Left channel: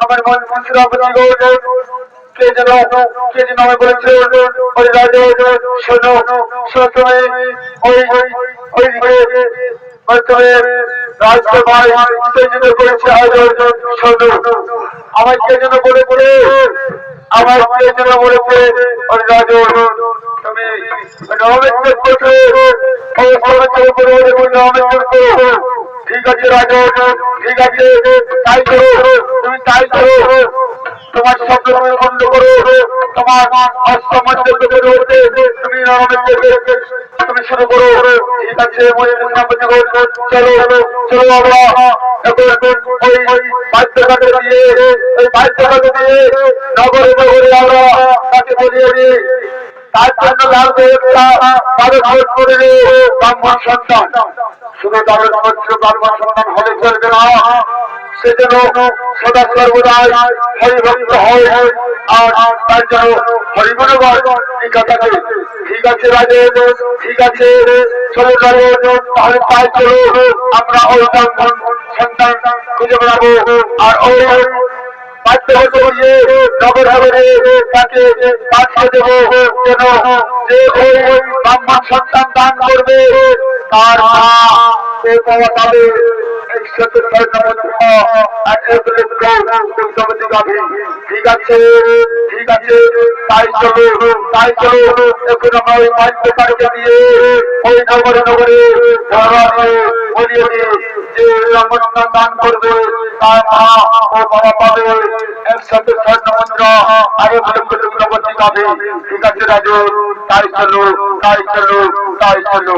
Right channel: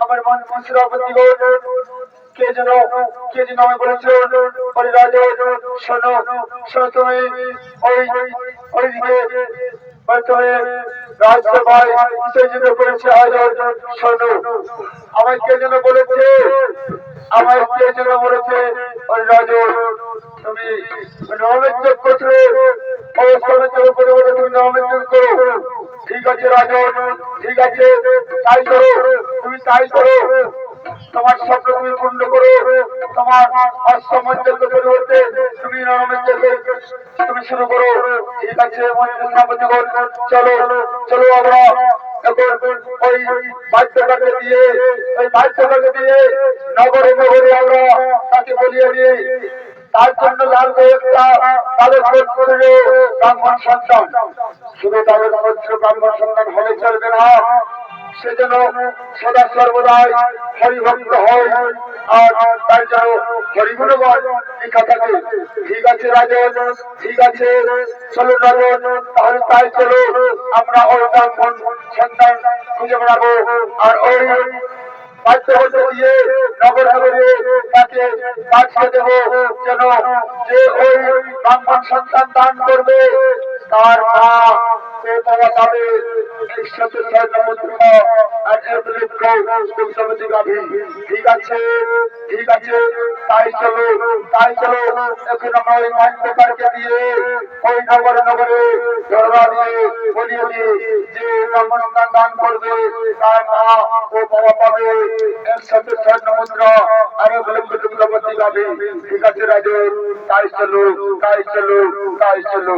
আমার মন মুসরাপতি কে যেন আমি বলেছে ওই রাজা শোনো শোনো তুমি ওই ওইদিকে তুমি রাজসভায় উত্তেজিত করেছে আয়োজন শোনো আমার কে যেন বলেছে আমার কে যেন বলেছে ওই রাজা তুমি নবমের করছো ঠিক আছে রাজা ঠিক আছে তাই করো তুমি তাই করো তোমার শব্দ তুমি বন্ধ করো তোমার অসমান্য রয়েছে তুমি তুমি শুরু করো ঠিক আছে চলো চলো আমরা ওই বাদ্যঘাটে দিয়ে ওই বাদ্যঘাটে দিয়ে নগরে নগরে আমরা তাকে বলিয়ে দিই তার জন্য লাগবে একটা তাদের করে ব্রাহ্মণ সন্তান শুধু তাদের ব্রাহ্মণ সন্তান হলে চলবে না সেজন্য সদা সর্বদাই হরিভক্ত হয় আর তার জন্য হরিগুণ টিকা থাকে ঠিক আছে রাজে ঠিক আছে চলে যাবো তাহলে তাই চলো আমরা ওই ব্রাহ্মণ সন্তান খুঁজে বেড়াবো আর ওই নগর নগরে তাকে পাঠিয়ে দেবো যেন যে ওই ব্রাহ্মণ সন্তান দান করবে তার মা ও বাবা পাবে ঠিক আছে ঠিক আছে তাই চলো এখন আমরা ওই বাদ্যকারকে দিয়ে ওই নগরে নগরে বলিয়ে দিই যে ব্রাহ্মণ দান করবে তার মা ও বাবা পাবে একসাথে স্বর্ণ মুদ্রা আরো ভালো করে প্রগতি পাবে ঠিক আছে রাজু তাই চলো তাই চলো তাই চলো